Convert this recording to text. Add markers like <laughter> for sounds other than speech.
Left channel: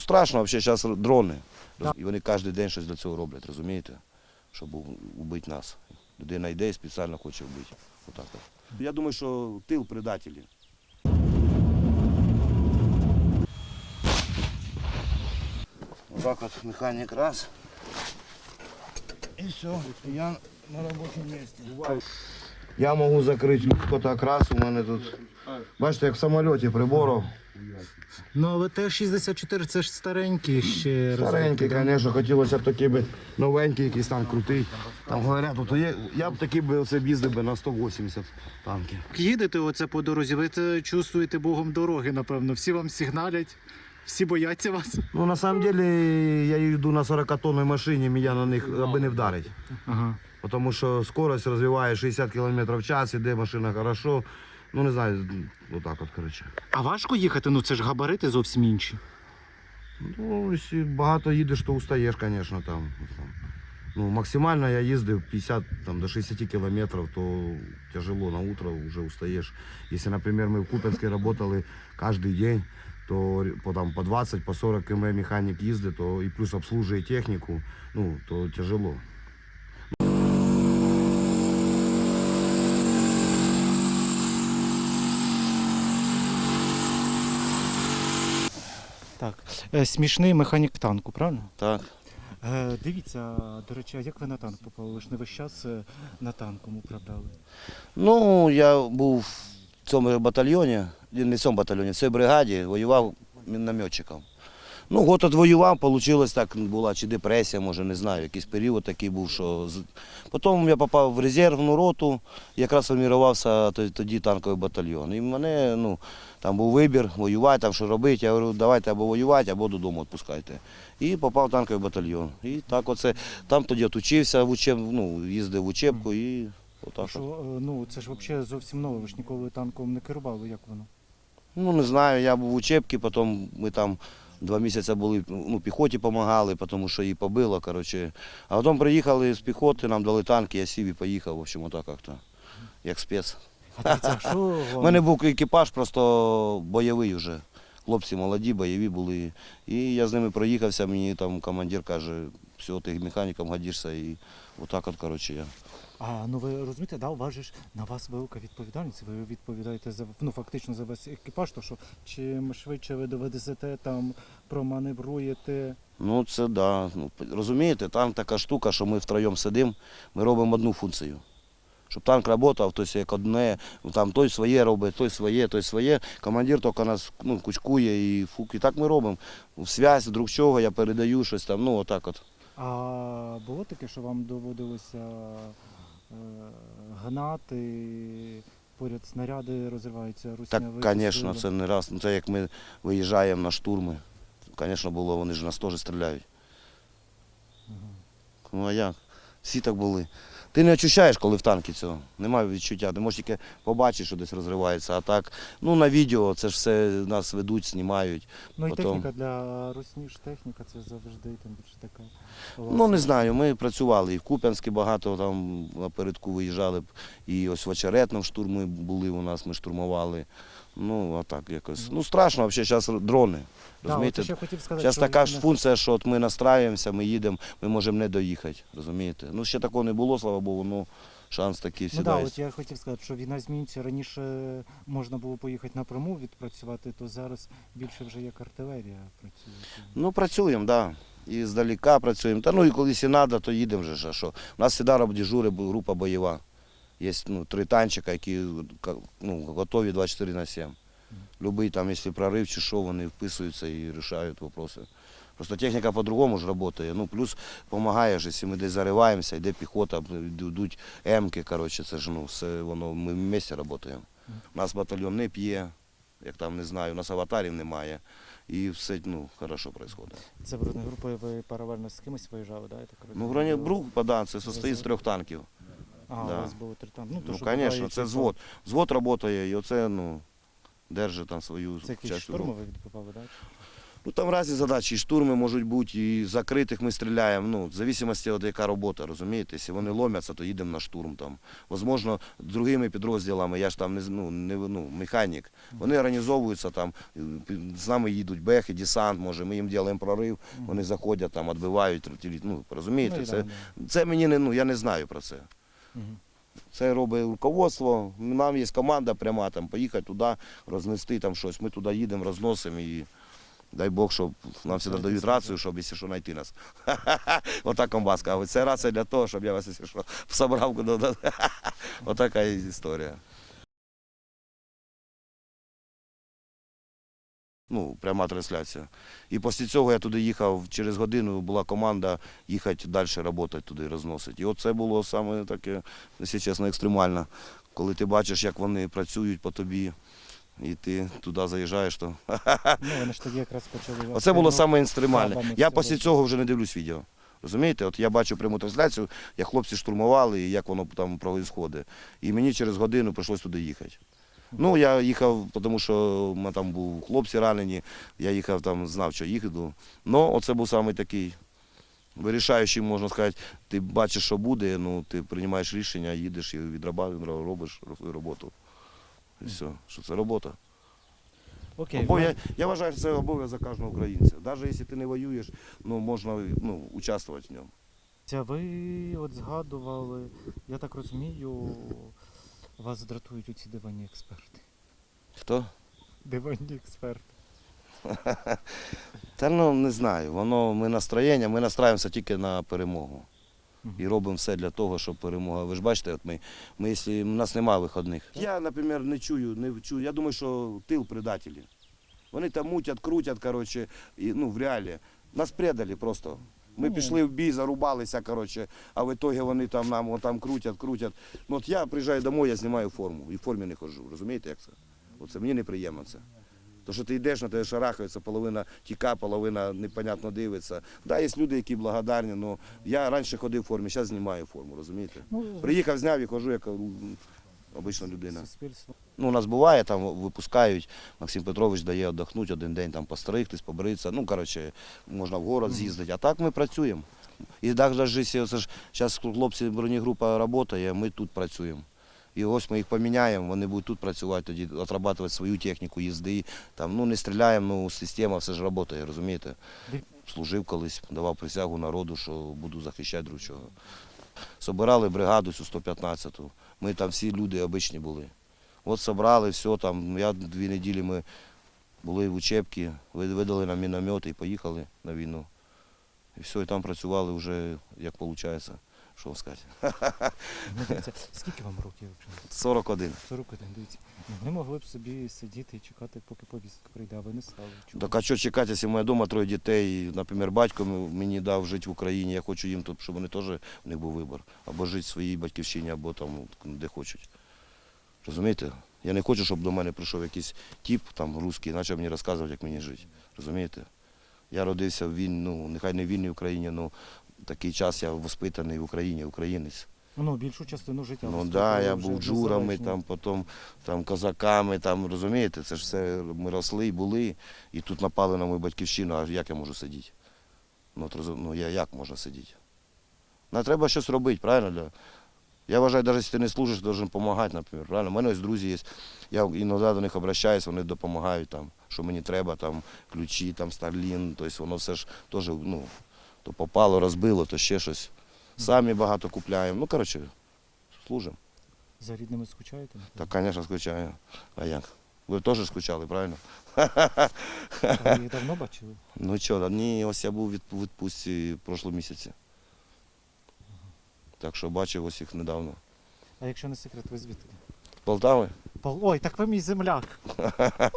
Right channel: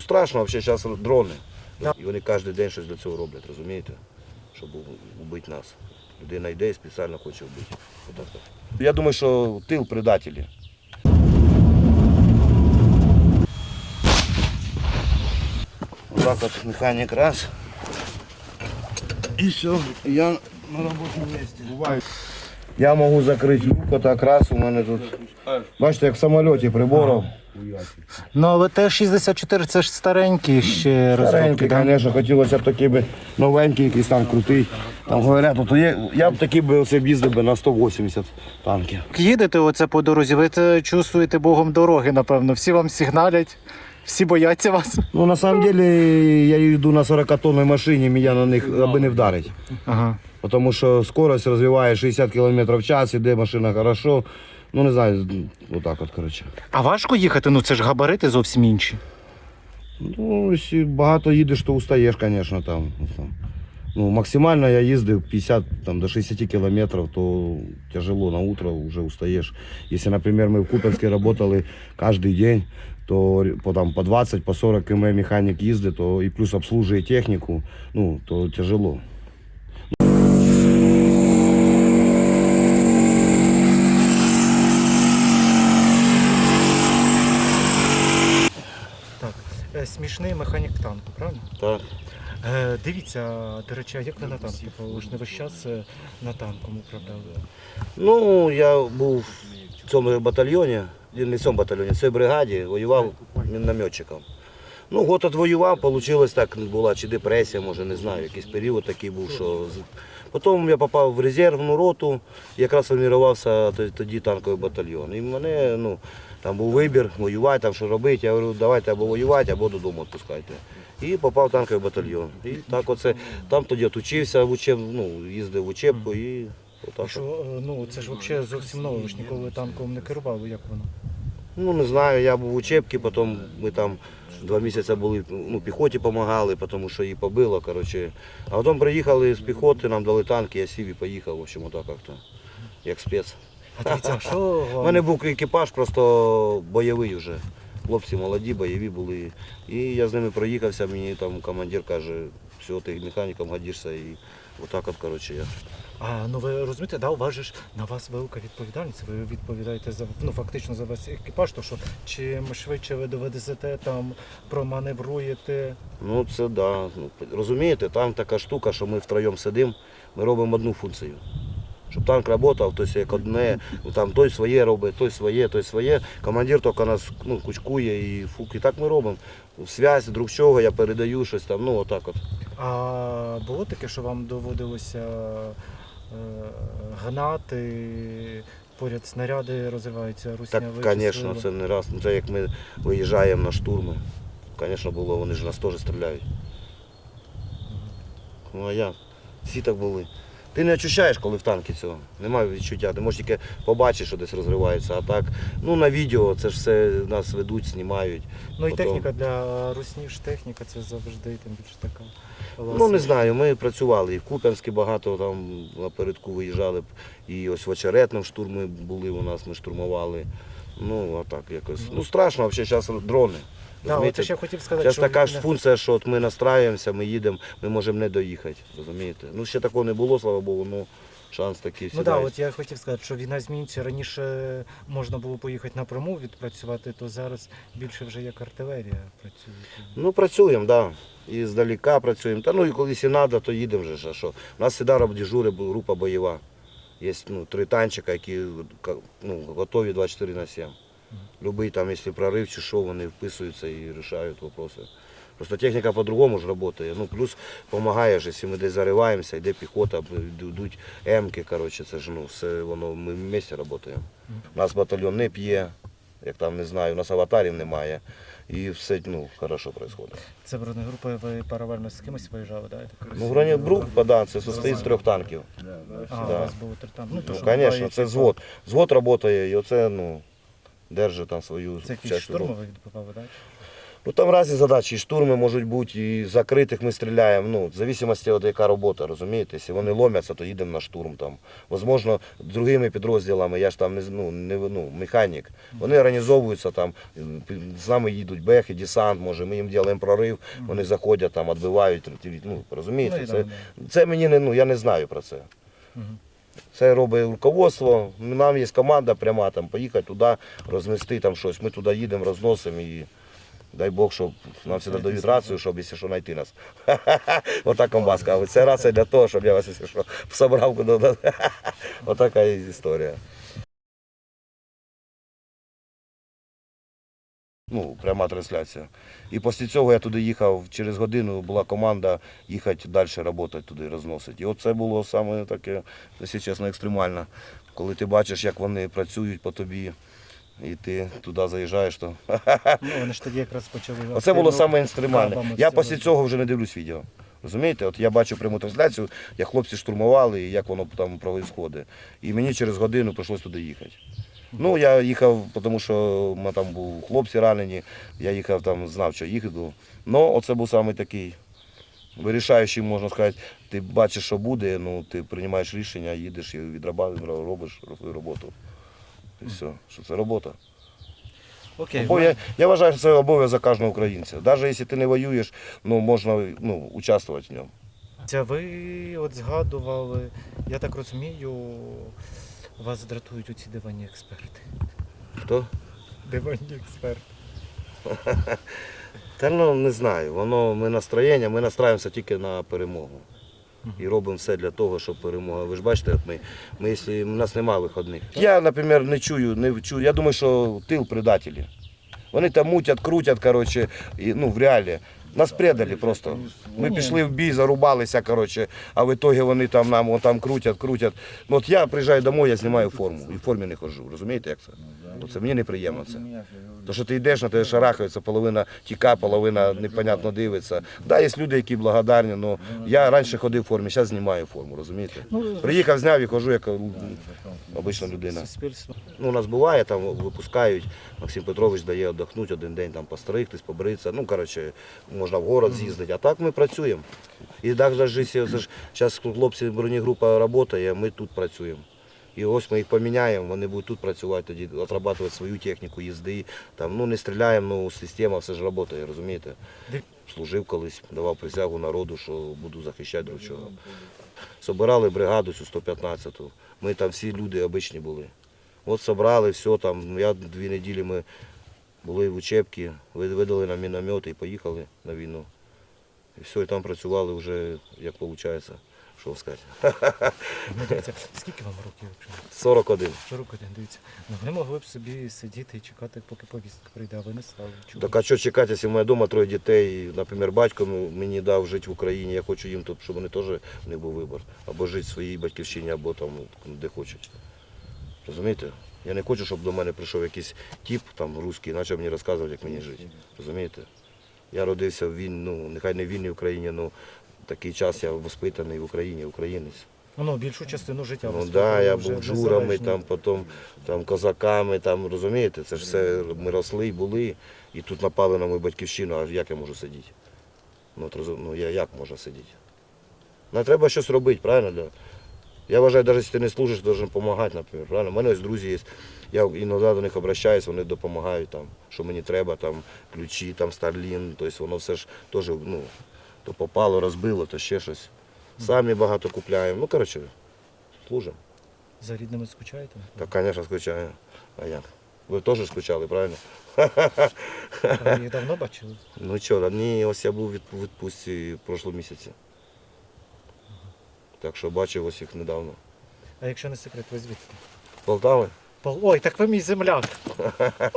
Страшно взагалі зараз дрони. І вони кожен день щось для цього роблять, розумієте? Щоб вбити нас. Людина йде і спеціально хоче вбити. Я думаю, що тил предателі. Так от механік раз. І все, я на робочому місці. Я можу закрити люк, так раз у мене тут. Бачите, як в самоліті приборів. Ну, але Т-64 це ж старенькі ще розробки. Старенький, да? звісно, хотілося б такий би новенький, якийсь там крутий. Там говорять, от є, я б такий би оце їздив би на 180 танків. Їдете оце по дорозі, ви це чувствуєте богом дороги, напевно. Всі вам сигналять, всі бояться вас. Ну, на самом деле, я йду на 40 тонній машині, мене на них аби не вдарить. Ага. Тому що скорость розвиває 60 км в час, іде машина хорошо. Ну, не знаю, отак от, коротше. А важко їхати? Ну це ж габарити зовсім інші. Ну, якщо багато їдеш, то устаєш, звісно, там. Ну, максимально я їздив 50 там, до 60 кілометрів, то тяжело на утро вже устаєш. Якщо, наприклад, ми в Куп'янську працювали кожен день, то по, там, по 20, по 40 км механік їздить, то і плюс обслужує техніку, ну, то тяжело. Смішний механік танку, правильно? Так. Е, дивіться, до речі, а як ви на танк попали? Ви ж не весь час е, на танком управляли. Ну, я був в цьому батальйоні, не в цьому батальйоні, в цій бригаді воював мінометчиком. Ну, год відвоював, вийшло так, була чи депресія, може, не знаю, якийсь період такий був, що. з- Потім я попав в резервну роту, якраз формувався тоді танковий батальйон. І мене, ну, там був вибір, воювати, там що робити. Я говорю, давайте або воювати, або додому відпускайте. І попав в танковий батальйон. І так оце, там тоді от учився в учеб, ну, їздив в учебку і отак. Що, е, ну, це ж взагалі зовсім нове, ви ж ніколи танком не керували, як воно? Ну, не знаю, я був в учебці, потім ми там два місяці були, ну, піхоті допомагали, тому що її побило, коротше. А потім приїхали з піхоти, нам дали танки, я сів і поїхав, в общем, отак як-то, як спец. А дивіться, а що У мене був екіпаж просто бойовий вже. Хлопці молоді, бойові були. І я з ними проїхався, мені там командир каже, все, ти механіком годишся. І отак от, коротше, я. А ну ви розумієте, да, у вас же ж на вас велика відповідальність. Ви відповідаєте за ну фактично за весь екіпаж, то що чим швидше ви доведете там, проманевруєте. Ну це да. Ну, розумієте, танк така штука, що ми втроєм сидимо, ми робимо одну функцію. Щоб танк працював, хтось як одне, там той своє робить, той своє, той своє. Командир тільки нас ну, кучкує і фук. І так ми робимо. В связь, друг чого, я передаю щось там, ну отак от. А було таке, що вам доводилося е, гнати, поряд снаряди розриваються, русня Так, звісно, це не раз. Ну, це як ми виїжджаємо на штурми. Звісно, було, вони ж нас теж стріляють. Ну а як? Всі так були. Ти не відчуваєш, коли в танкі цього. Немає відчуття. Ти можеш тільки побачити, що десь розривається. А так, ну на відео це ж все нас ведуть, знімають. Ну і потім- техніка для русні ж техніка, це завжди тим більше така. Ну не знаю, ми працювали і в Куп'янську багато там напередку виїжджали, б, і ось в Очеретному штурми були у нас, ми штурмували. Ну, а так якось. Ну страшно, взагалі зараз дрони. Да, розумієте? я хотів сказати, Зараз що така не- ж функція, що от ми настраюємося, ми їдемо, ми можемо не доїхати. Розумієте? Ну ще такого не було, слава Богу, ну шанс такий всі. Ну так, всегда от я хотів сказати, що війна змінюється. Раніше можна було поїхати напряму відпрацювати, то зараз більше вже як артилерія працює. Ну, працюємо, так. Да. І здалека працюємо. Та ну і коли і треба, то їдемо вже. ж, А що? У нас завжди дежури, група бойова. Є ну, три танчика, які ну, готові 24 на 7. Любий там, якщо прорив чи що, вони вписуються і вирішають питання. Просто техніка по-другому ж працює. Ну, плюс допомагає, ж, якщо ми десь зариваємося, йде піхота, йдуть М-ки, коротше, це ж ну, все воно, ми в місті працюємо. У нас батальйон не п'є, як там не знаю, у нас аватарів немає. і все ну, хорошо відбувається. Це бронегрупа, ви паралельно з кимось виїжджали, да? так Ну, бронегрупа, да, це состоїть з трьох танків. А, да. у вас було три там. Ну, то, Ну, звісно, це типа, звод. Звод працює, і оце, ну, держить там свою Це якісь частину. так? Ну там різні задачі, і штурми можуть бути, і закритих ми стріляємо. Ну, в зависимості від яка робота, розумієте? Якщо вони ломяться, то їдемо на штурм там. Возможно, другими підрозділами, я ж там не, з- ну, не ну, механік. Вони організовуються там, з нами їдуть бехи, десант, може, ми їм робимо прорив, вони заходять там, відбивають, ну, розумієте? Ну, і це, це мені не, ну, я не знаю про це. Мгм. Це робить руководство. Нам є команда пряма там поїхати туди, рознести там щось. Ми туди їдемо, розносимо і дай Бог, щоб нам всі дають рацію, щоб якщо що знайти нас. <laughs> Отак комбаска. Це рація для того, щоб я вас, якщо що, <laughs> собрав. <laughs> Отака історія. Ну, пряма трансляція. І після цього я туди їхав, через годину була команда їхати далі працювати туди, розносити. І от це було саме таке, якщо чесно, екстремально. Коли ти бачиш, як вони працюють по тобі, і ти туди заїжджаєш, то <laughs> Ну, вони ж тоді якраз почали. Оце було саме екстремальне. Я після цього вже не дивлюсь відео. Розумієте, от я бачу пряму трансляцію, як хлопці штурмували і як воно там відбувається. І мені через годину прийшлось туди їхати. Ну, я їхав, тому що мене там були хлопці ранені, я їхав там, знав, що їду. Ну, оце був саме такий вирішаючий, можна сказати, ти бачиш, що буде, ну, ти приймаєш рішення, їдеш і відрабатуєш, робиш роботу. І все, що це робота. Окей, Бо я, я вважаю, що це обов'язок кожного українця. Навіть якщо ти не воюєш, ну, можна ну, участвувати в ньому. Це ви от згадували, я так розумію, вас дратують оці диванні експерти. Хто? Диванні експерти. Та ну не знаю. Воно ми настроєння, ми настраємося тільки на перемогу. І робимо все для того, щоб перемога. Ви ж бачите, от ми, ми якщо, у нас немає виходних. Я, наприклад, не чую, не чую. Я думаю, що тил предателі. Вони там мутять, крутять, коротше, і, ну, в реалі. Нас предали просто. Ми пішли в бій, зарубалися, коротше, а в ітогі вони там нам там крутять, крутять. Ну, от я приїжджаю домой, я знімаю форму і в формі не ходжу. Розумієте, як це? То це мені неприємно це. То, що ти йдеш, на тебе шарахаються, половина тіка, половина непонятно дивиться. Да, є люди, які благодарні, але я раніше ходив в формі, зараз знімаю форму, розумієте? Приїхав, зняв і хожу як обична людина. Ну, у нас буває, там випускають, Максим Петрович дає віддохнути один день, там постригтись, побритися. Ну, коротше, можна в город з'їздити. А так ми працюємо. І якщо зараз хлопці бронегрупа працює, ми тут працюємо. І ось ми їх поміняємо, вони будуть тут працювати, тоді отрабатувати свою техніку їзди. Там, ну, не стріляємо, ну, система все ж працює, розумієте? Служив колись, давав присягу народу, що буду захищати друг чого. Собирали бригаду цю 115-ту. Ми там всі люди обичні були. От собрали, все там. Я дві неділі ми були в учебці, видали нам міномети і поїхали на війну. І все, і там працювали вже, як виходить, що сказати. Ну, дивіться, скільки вам років? якщо? 41. 41, дивіться. Ну, ви могли б собі сидіти і чекати, поки повістка прийде, а ви не стали. Чому? Так а що чекати, якщо моя дома троє дітей, наприклад, батько м- мені дав жити в Україні, я хочу їм, щоб вони теж не був вибір. Або жити в своїй батьківщині, або там де хочуть. Розумієте? Я не хочу, щоб до мене прийшов якийсь тіп там русський, почав мені розказувати, як мені жити. Розумієте? Я родився в війні, ну, нехай не в вільній Україні, але такий час я воспитаний в Україні, українець. Ну, більшу частину життя. Ну так, да, я був джурами, там, потім там, козаками, там, розумієте, це ж все ми росли і були, і тут напали на мою батьківщину, а як я можу сидіти? Ну, от, ну я як можна сидіти? Ну, треба щось робити, правильно? Да? Я вважаю, навіть якщо ти не служиш, ти повинен допомагати, наприклад. Правильно? У мене ось друзі є. Я іноді до них обращаюся, вони допомагають, там, що мені треба, там, ключі, там, Старлін, тобто воно все ж теж, ну, то попало, розбило, то ще щось. Самі багато купляємо. Ну, коротше, служимо. За рідними скучаєте? Так, звісно, скучаю. А як? Ви теж скучали, правильно? Ви їх давно бачили? Ну вчора, ні, ось я був у відпу- відпустці в прошлому місяці. Так що бачив ось їх недавно. А якщо не секрет, ви звідки? Полтави? Пол- Ой, так ви мій земляк. <laughs>